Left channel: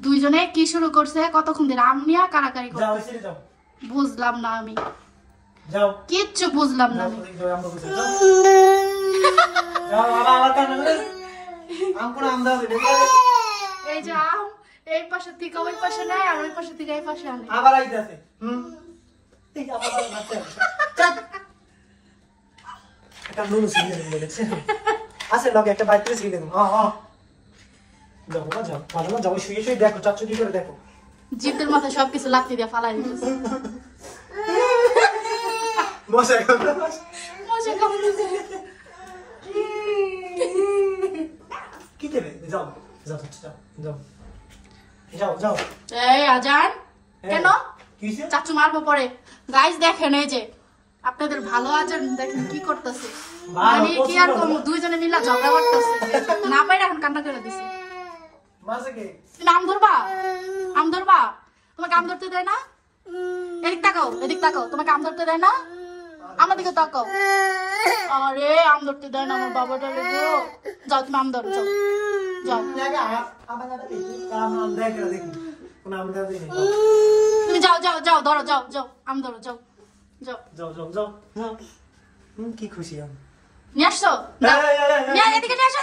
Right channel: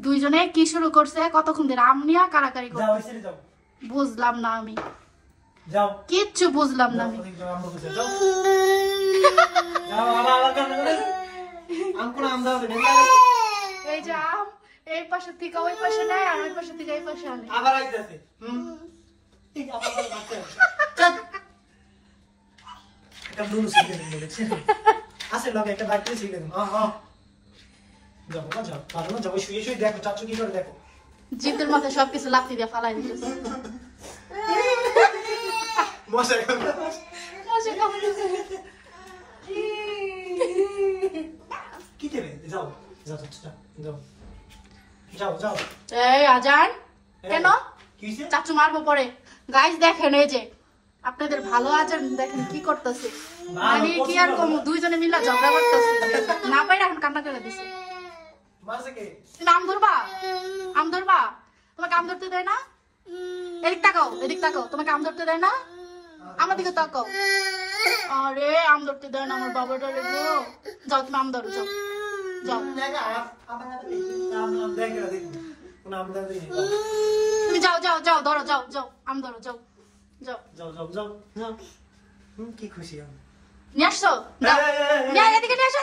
দুইজনে কি শুরু করছে কতক্ষণ ধরে আম নিয়ে কারাকারি করতেছে বুঝলাম না আমি যাও কিচ্ছু বুঝলাম না আমি এই যে আম এই পাশে থেকে ওই পাশে নেয় আর ওই পাশে থেকে এই পাশে আনে আবার আইতাছে একটা নুন সিগে বলেছে আছে লগে একটা বাইক সিগে হ্যাঁ যাও না যাও ভালো না যাও শুয়ে শুয়ে দেখো চাচু কি করে দেখো জিতের মাথায় সবকিছু লাথি দিয়ে ফালাই দিতেছে মশা মজা কামড়াচ্ছে কি দেবে যাও যাও যাও যাও যাও এই আজান কেন কিছে চাচু মারবো পরে গাইস দেখেন এই যে আপনাদের ভালো আজান দেখেন কি করতেছে মানে কি আর কম দুইজনে মিলা ঝগড়া করতেছে না পাইরা এখন কান্না করে দিছে মারছে কে তুমি আম ধরবা তোমাকে আম ধরতে দেয় না এদিক তাকাও তোমাকে আম ধরতে দেয় না আমার দিকে তাকাও আরে আম ধরতে দেয় না আমার বাবাটা রে গো যাও তুমি আম ধরো যাও যাও তুমি যাও ধরো যাও আম ধরো যাও কি খুশি আমি নিয়ে আসছো এদিকে নিয়ে আসো